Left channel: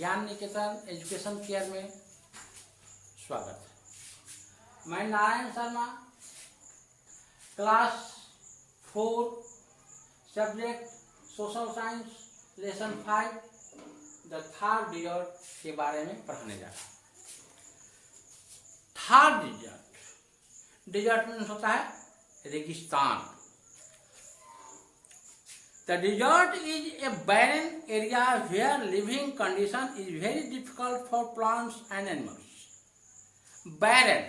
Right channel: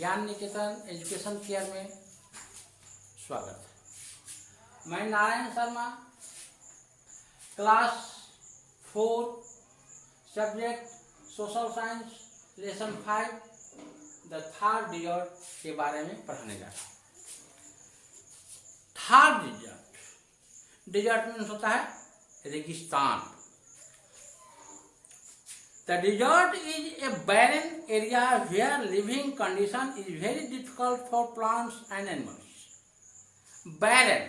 ज्ञान निकेतन education care में स्वागत है। मैं Narayan Sharma, class 4 subject social science lesson 5 the Thar desert के बारे में पढ़ाने जा रहा हूँ। थर्ड डिजर्ट मीन्स होता है रेगिस्तान। The desert is a barren area where living condition is very difficult for plants and animals. Barren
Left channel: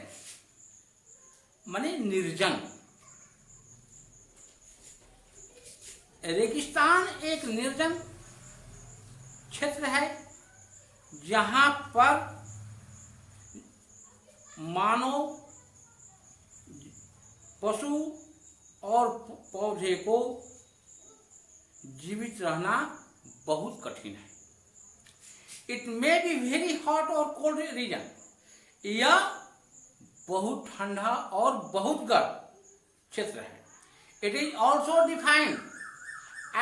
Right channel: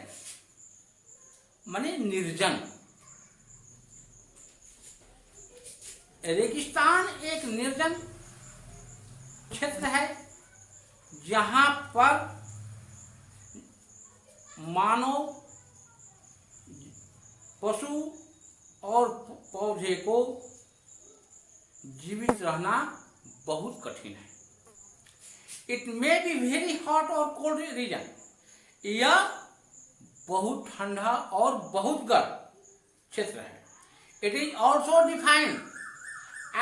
माने निर्जन। रेगिस्तान एक निर्जन क्षेत्र है जहां पर मानव, पशु और पौधे को जीवित रहना बहुत कठिन है। It may be very hot और कोल्ड रीजन। यह बहुत ठंडा और बहुत गर्म क्षेत्र है। It is also defined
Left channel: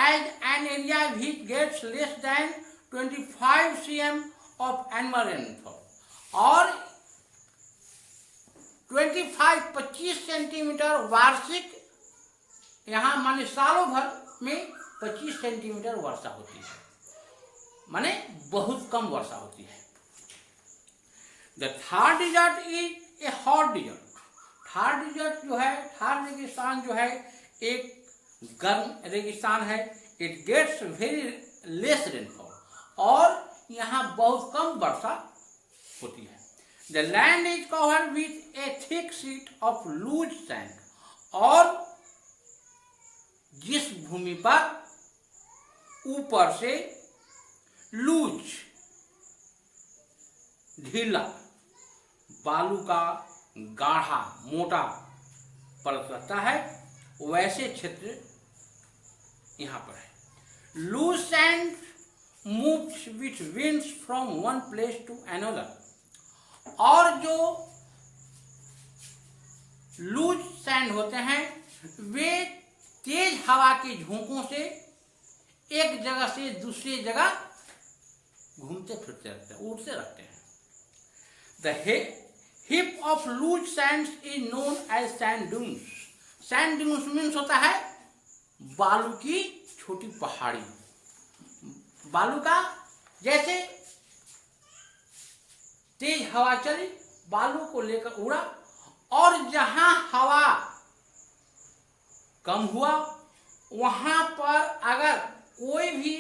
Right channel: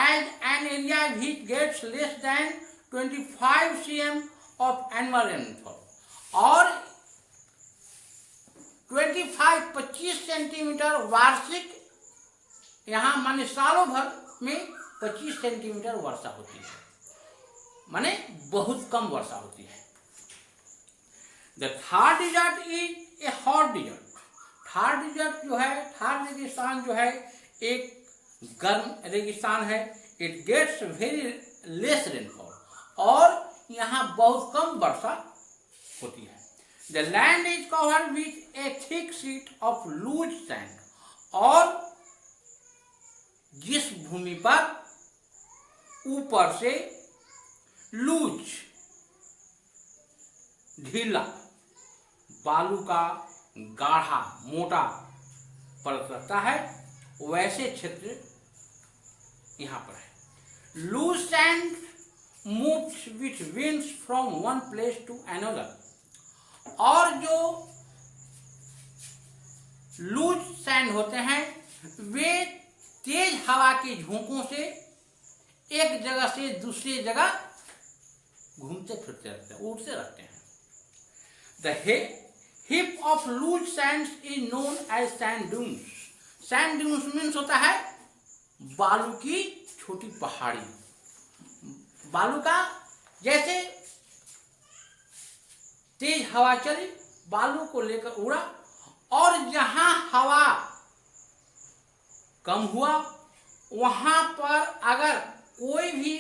as an area which gets less than 25 cm of annual rainfall और 25 सेंटीमीटर वार्षिक, यहाँ माने सालों भर में 25 सेंटीमीटर वर्षा होती है, माने बहुत कम वर्षा होती है। The Thar desert is a hot desert. Thar desert जो है, थर्ड रेगिस्तान जो है एक गर्म रेगिस्तान है। It gets very less rainfall और यहाँ बहुत कम वर्षा होती है। The land is covered with a thick sheet of loose sand और जिस भूमि पर ऊपर से लूज ढीला बालू का गाढ़ा मोटा परत रहता है, वैसे क्षेत्र यहां पर है। Loose sand moves with winds from one place to another और जो लूज सैंड होते हैं वे तेज हवा के झोंकों से एक जगह से दूसरी जगह घूमते फिरते रहते हैं, उड़ते रहते हैं। The heap of loose sands is known as sand dunes. Sand dunes means होता है बालू की छोटी पहाड़ी। बालू का जैसे तेज हवा चली, बालू को लेकर उड़ा और जहां हवा कम हुआ वहां पर अगर कोई भी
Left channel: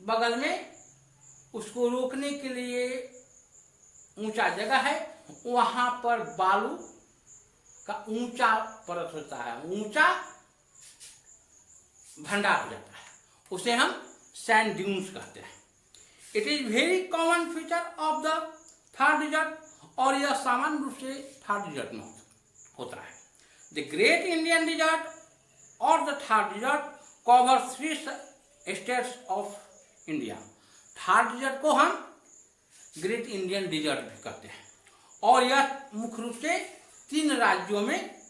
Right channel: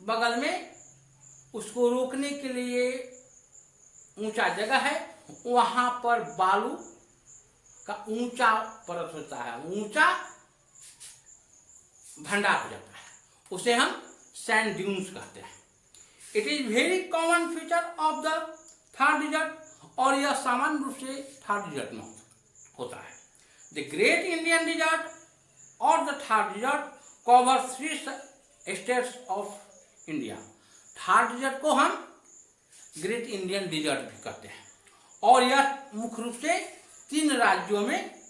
बगल में उसको रोकने के लिए ऊंचा जगह है, वहां पर बालू का ऊंचा परत होता है, ऊंचा भंडार हो जाता है, उसे हम सैंड ड्यून्स कहते हैं। It is very common feature of the Thar desert और यह सामान्य रूप से थर्ड डिजर्ट में होता है। द ग्रेट इंडियन डिजर्ट और the Thar desert cover 3 states of India. Thar desert को हम ग्रेट इंडियन डिजर्ट भी कहते हैं और यह मुख्य रूप से 3 राज्यों में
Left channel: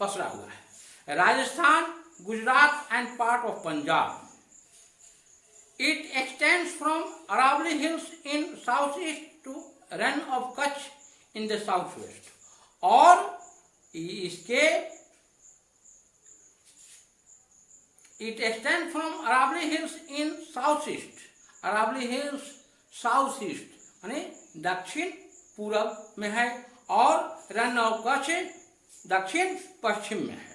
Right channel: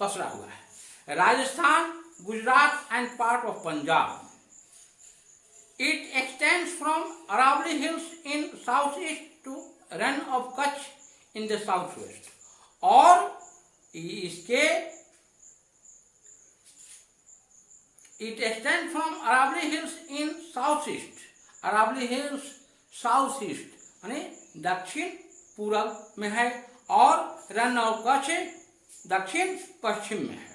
पसरा हुआ है, Rajasthan, Gujarat and part of Punjab. It extends from Aravalli hills in south east to Rann of Kutch in the south west और इसके It extends from Aravalli Hills in southeast. Aravalli Hills southeast माने दक्षिण पूरब में है और रन ऑफ कच्छ दक्षिण पश्चिम में है।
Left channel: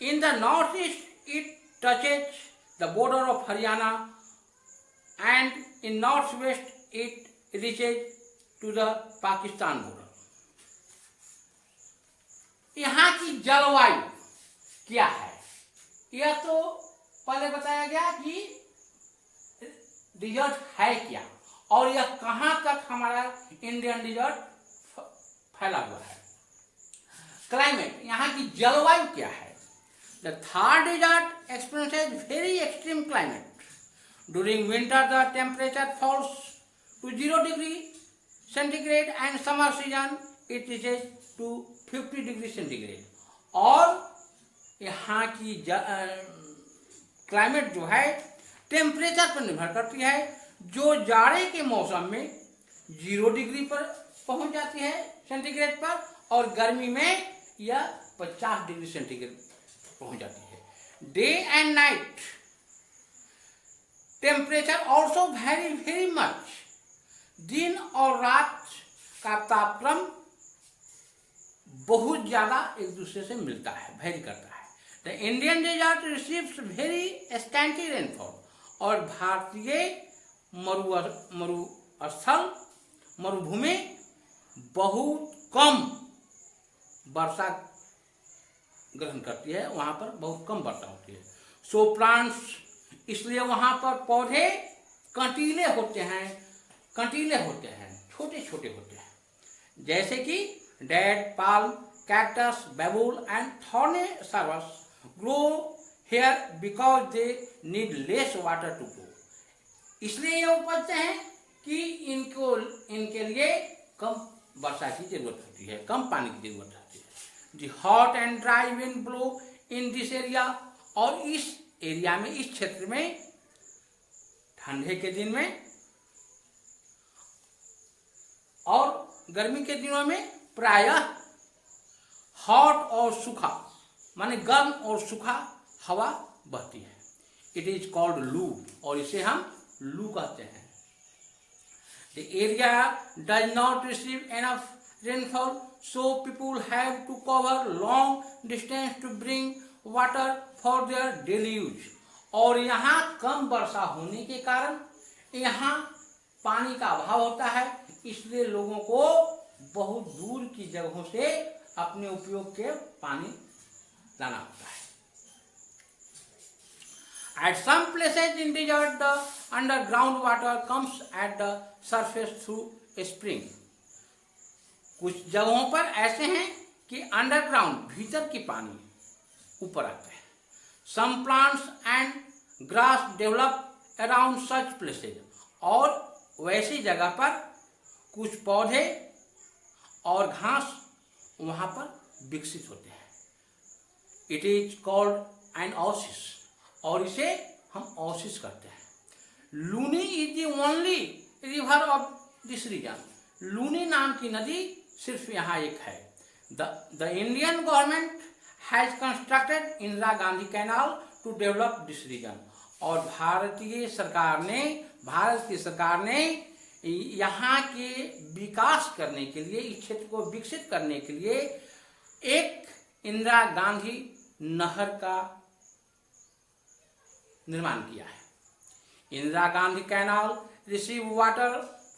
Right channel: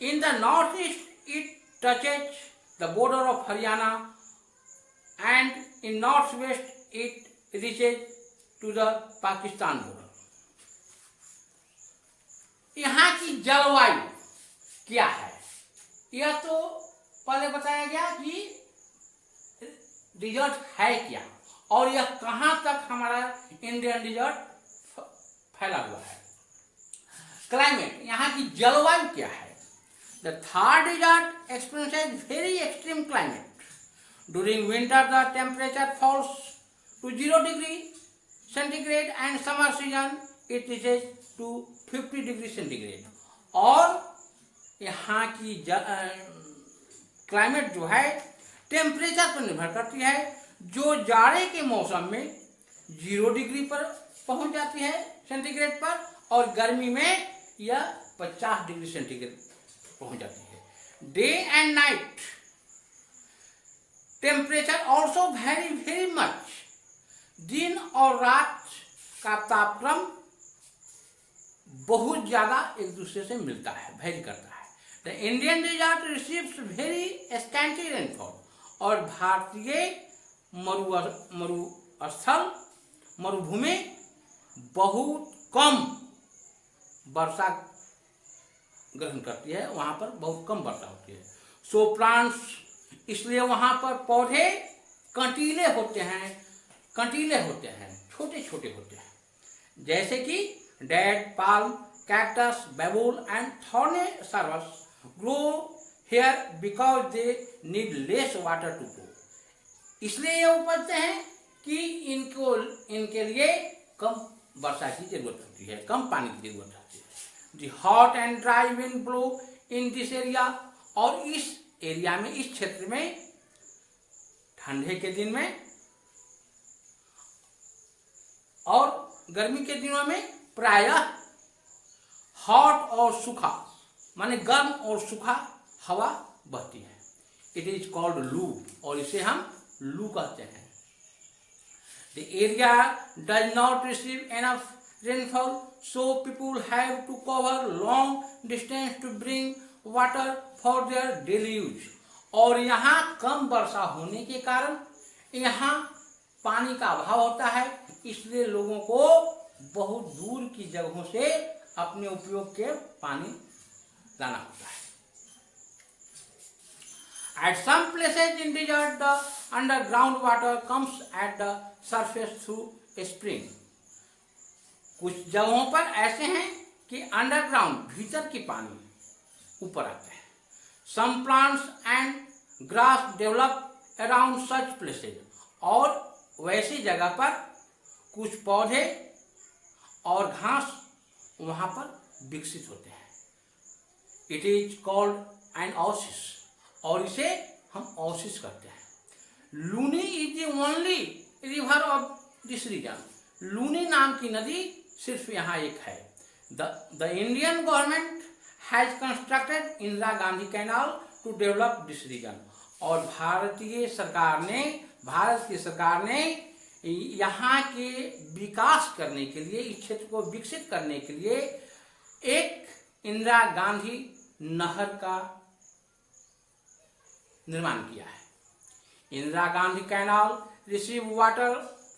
In the northeast it touches the border of Haryana and in northwest it reaches to the Pakistan border. यहाँ की जलवायु क्या है यह तो पहले बताया गया कि डिजर्ट है क्या और यह कहां तक हमारा इंडियन डिजर्ट फैला हुआ है। क्लाइमेट, यहाँ की जलवायु क्या है। The Thar desert experiences very extreme climate. During winter the temperature falls to 0 degree centigrade and summer season it reaches to 50 degree centigrade और यहाँ की क्लाइमेट जो है टेम्परेचर पर निर्भर करती है। जो जाड़े के मौसम में 0 डिग्री पर पहुंच जाती है सेंटीग्रेड पर, और गर्मी में यह 50 डिग्री सेंटीग्रेड पहुंच जाती है। Day and night temperature also very very much, दिन और रात का तापक्रम बहुत ज्यादा एक दूसरे से मिलता है, वेरी करता है। The Indian desert receives very scanty rainfall, और भारतीय मरुस्थल मरुभूमि बहुत कम वर्षा ग्रहण करती है, वहां पर बहुत कम वर्षा होती है। सो प्लांट्स, इसलिए वहां पर पौधे कंटीले होते हैं, छोटे छोटे होते हैं, जैसे कि date palm, cactus, babul and thorny shrubs grow here because they need less water to grow. इसलिए ये उपजते हैं कि इनके लिए कम वर्षा की जरूरत होती है, कम पानी की जरूरत होती है। The hot and dry wind blow in this area, और इस एरिया में, इस क्षेत्र में ठंडे के दिन में और गर्मी के दिनों में प्रायः हॉट और सूखा, माने गर्म और सूखा हवा बहती है। इट इज कॉल्ड लू, और इसे हम लू कहते हैं। The area does not receive enough rainfall, so people have to cover long distance to bring water for their daily use। और यहाँ कम वर्षा होने के कारण यहाँ पानी का अभाव होता है, इसलिए लोगों को बहुत दूर की जगहों से अपने उपयोग के पानी लाना होता है। At some places in desert, the underground water comes at the surface through a spring। कुछ जगहों पर ऐसे हैं कि अंडरग्राउंड, भीतर की पानी ऊपर आते हैं। Some plants and grass develop around such places, और वैसी जगह पर कुछ पौधे और घास वहां पर विकसित होते हैं। It is called an oasis, और इसे हम ओसिस कहते हैं। Luni is the only river of this region. Luni नाम की नदी सिर्फ यहाँ एक है। The Indian government has constructed Indira Gandhi canal to develop this region, और भारत की सरकार ने यहाँ के विकास करने के लिए, इस क्षेत्र को विकसित करने के लिए एक इंदिरा गांधी नहर का निर्माण किया है। Indira Gandhi canal receive water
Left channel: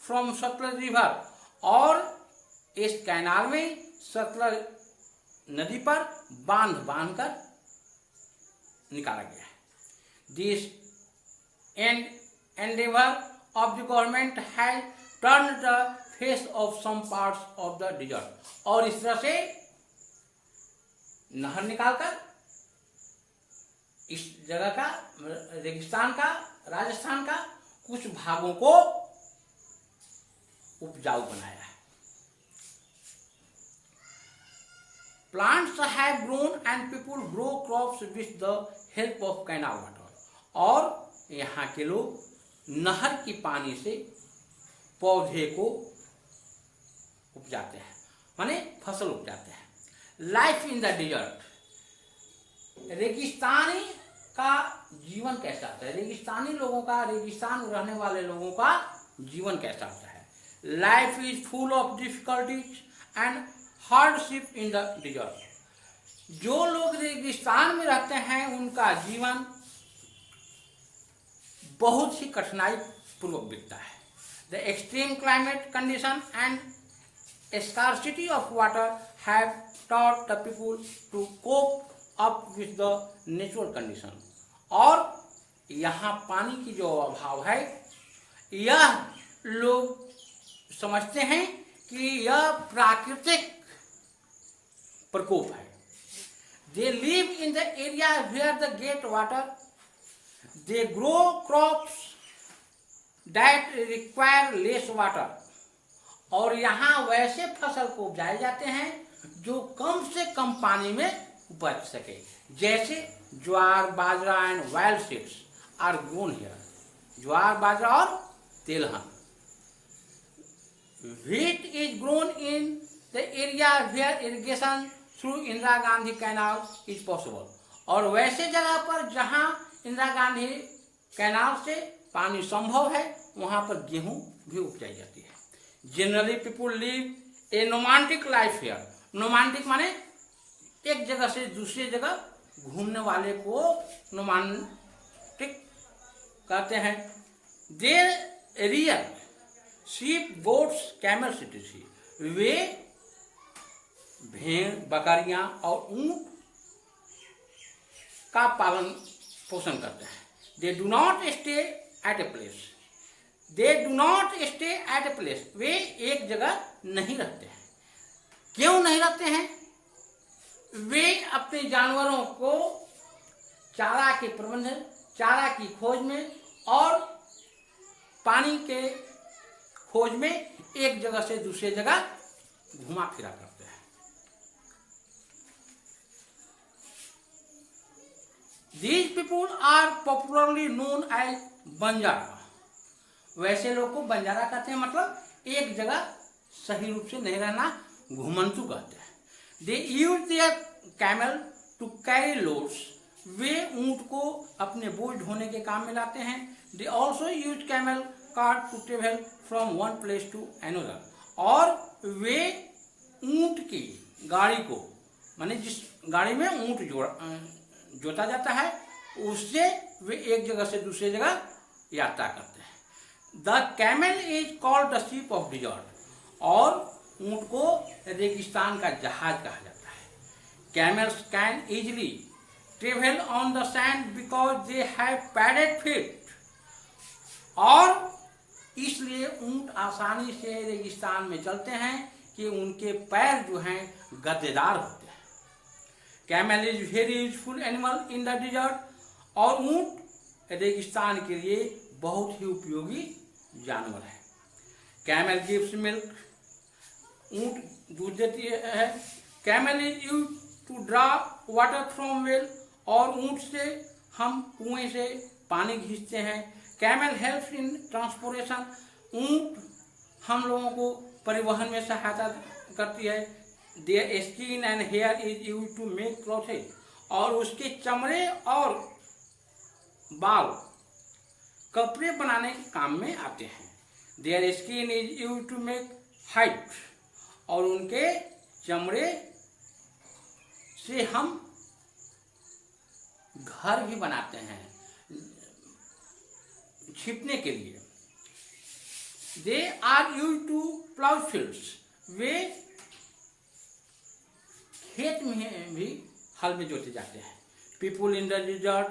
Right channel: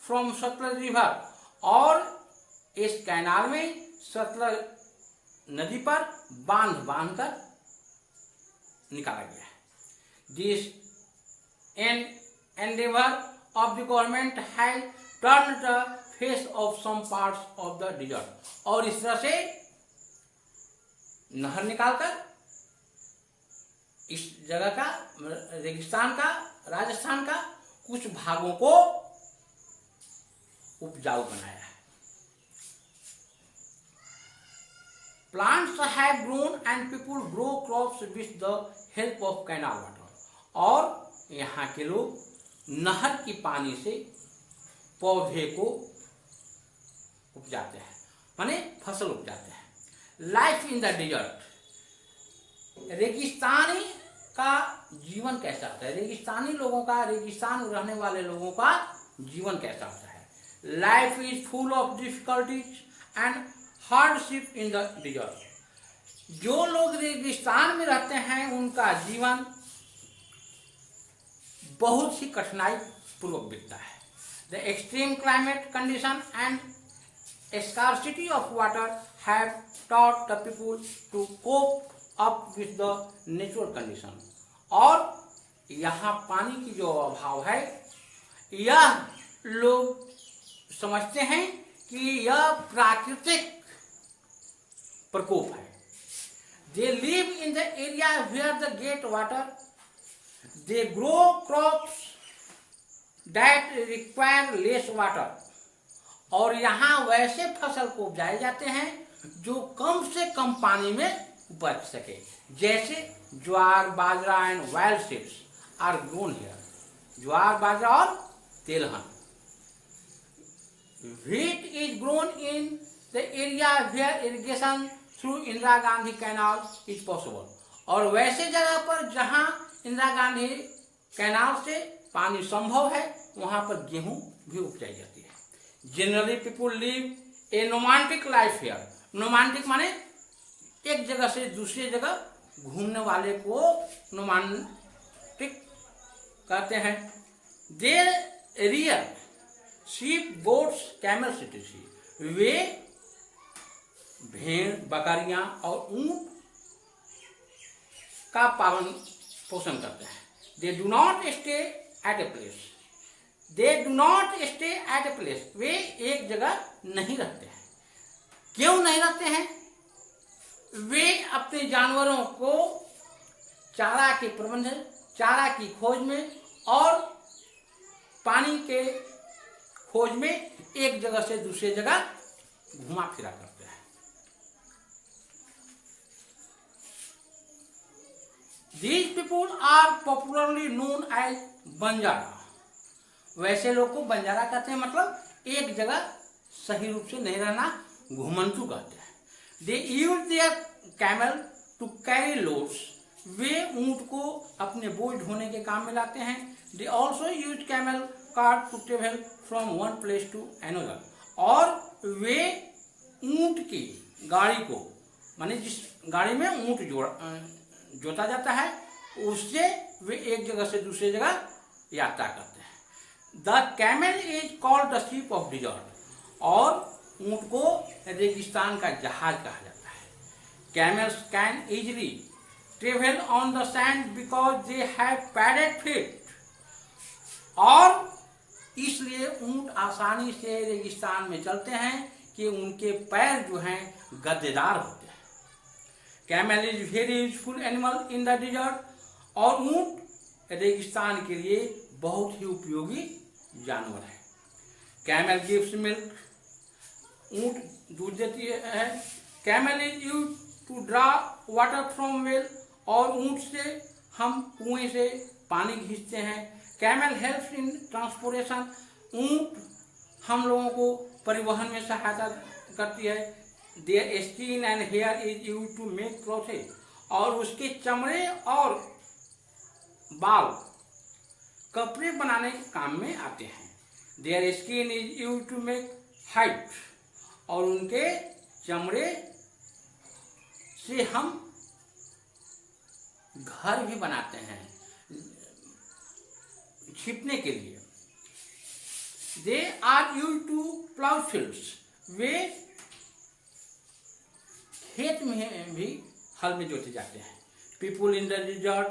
from Sutlej river, और इस कैनाल में सतलज नदी पर बांध कर निकाला गया है। This endeavour of the government has turn the face of some parts of the desert, और इस तरह से नहर निकालकर इस जगह का, रेगिस्तान का, राजस्थान का कुछ भागों को उपजाऊ बनाया है। Plants have grown and people grow crops with the help of canal water, और यहाँ के लोग नहर की पानी से पौधे को उपजाते हैं, माने फसल उपजाते हैं। लाइफ इन द डेजर्ट, रेगिस्तानी का जीवन कैसा होता है, रेगिस्तानी लोगों का, रेगिस्तान में रहने वाले लोगों का जीवन कैसा होता है। Life is full of difficulties and hardship in the desert. जो लोग रेगिस्तान में रहते हैं उनका जीवन बहुत ही कठिनाई पूर्वक बीतता है। The extreme climate condition and scarcity of water have taught the people to cope up with the natural condition। और यहाँ पानी की जो अभाव है, यह लोग समझते हैं कि यह प्राकृतिक प्रकोप है। They live in the area where they get water. They grow crops that require less water। और यहाँ वैसे फसल को उपजाए जाते हैं जो कम से कम पानी में उपज सके, जैसे jowar, bajra and wild seeds are grown here. ज्वार, बाजरा और तेलहन। Wheat is grown in the area where irrigation through Indira Gandhi canal is possible। और वैसे जगह पर जहां इंदिरा गांधी कैनाल से पानी संभव है वहां पर गेहूं भी उपजाई जाती है। Generally people live a nomadic life here. Nomadic माने एक जगह से दूसरी जगह घूमने वाले को नोमांटिक कहते हैं। There real sheep goats camel cities. वे भेड़ बकरियां और ऊंट का पालन पोषण करते हैं। They do not stay at a place. They do not stay at a place. वे एक जगह नहीं रहते हैं। क्यों नहीं रहते हैं? वे अपने जानवरों को चारा के प्रबंधन, चारा की खोज में और पानी के खोज में एक जगह से दूसरी जगह घुमा फिरा करते हैं। These people are popularly known as Banjara. वैसे लोग को बंजारा कहते हैं, मतलब एक जगह सही रूप से नहीं रहना, घुमंतु कहते हैं। They use their camel to carry loads। वे ऊंट को अपने बोझ ढोने के काम में लाते हैं। They also use camel cart to travel from one place to another। और वे ऊंट की गाड़ी को, माने जिस गाड़ी में ऊंट जोता जाता है उससे वे एक जगह से दूसरी जगह यात्रा करते हैं। The camel is called the ship of desert. और ऊंट को रेगिस्तान का जहाज कहा जाता है। Camels can easily travel on the sand because they have padded feet. और इसलिए ऊंट आसानी से रेगिस्तान में चलते हैं कि उनके पैर जो हैं गद्देदार होते हैं। Camel is very useful animal in the desert. और ऊंट रेगिस्तान के लिए बहुत ही उपयोगी जानवर है। Camel gives milk. ऊंट दूध देती है। Camel is use to draw water from well. और ऊंट से हम कुएं से पानी खींचते हैं। Camel helps in transportation. ऊंट हम लोगों को परिवहन में सहायता करती है। Their skin and hair is use to make clothes. और उसके चमड़े और बाल कपड़े बनाने के काम में आते हैं। Their skin is use to make height. और उनके चमड़े से हम घर भी बनाते हैं छिपने के लिए। They are use to plough fields. वे खेत में भी हल में जोते जाते हैं। People in the desert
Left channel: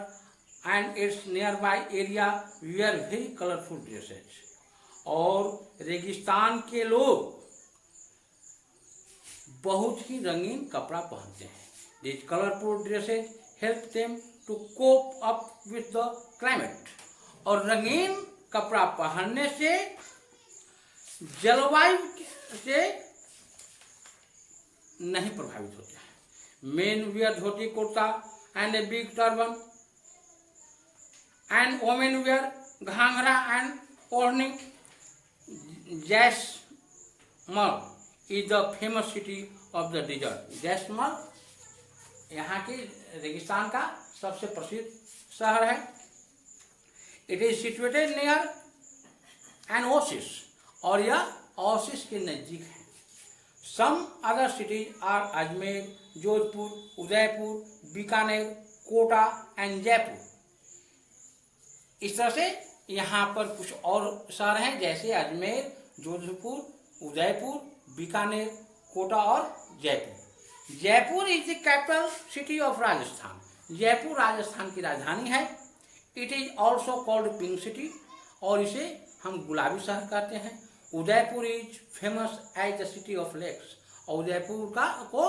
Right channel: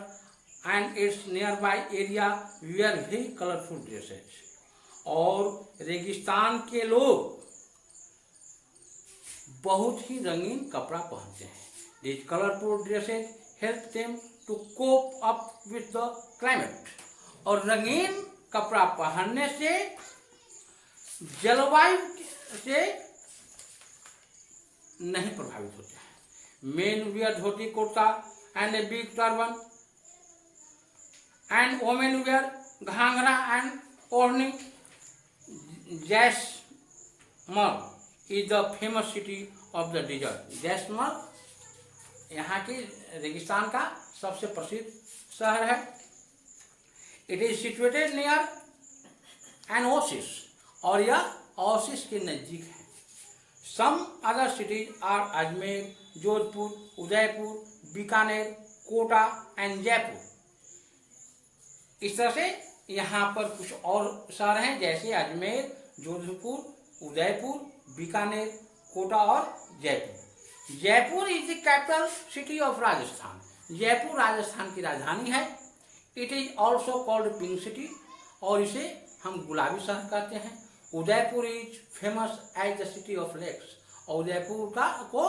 and its nearby area wear very colourful dresses. और रेगिस्तान के लोग बहुत ही रंगीन कपड़ा पहनते हैं। These colorful dresses help them to cope up with the climate। और रंगीन कपड़ा पहनने से जलवायु से नहीं प्रभावित होते हैं। Men wear dhoti kurta and a big turban and women wear ghagra and odhni. Jaisalmer is the famous city of the desert. Jaisalmer यहाँ के रेगिस्तान का सबसे प्रसिद्ध शहर है। It is situated near an oasis. और यह ओसिस के नजदीक है। Some other cities are Ajmer, Jodhpur, Udaipur, Bikaner, Kota and Jaipur. इस तरह से यहाँ पर कुछ और शहर हैं जैसे अजमेर, जोधपुर, उदयपुर, बीकानेर, कोटा और Jaipur. Jaipur is the capital city of Rajasthan. Jaipur Rajasthan की राजधानी है। It is also called pink city. और इसे हम गुलाबी शहर कहते हैं। Udaipur is famous as the city of lakes. और उदयपुर को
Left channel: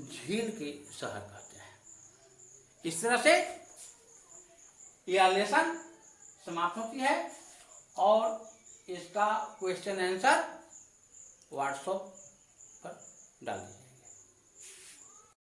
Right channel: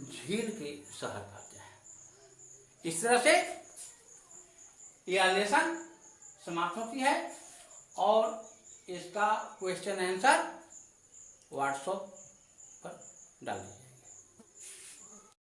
झील के शहर कहते हैं। इस तरह से यह लेसन समाप्त होती है। और इसका क्वेश्चन आंसर व्हाट्सएप पर डाल दीजिए।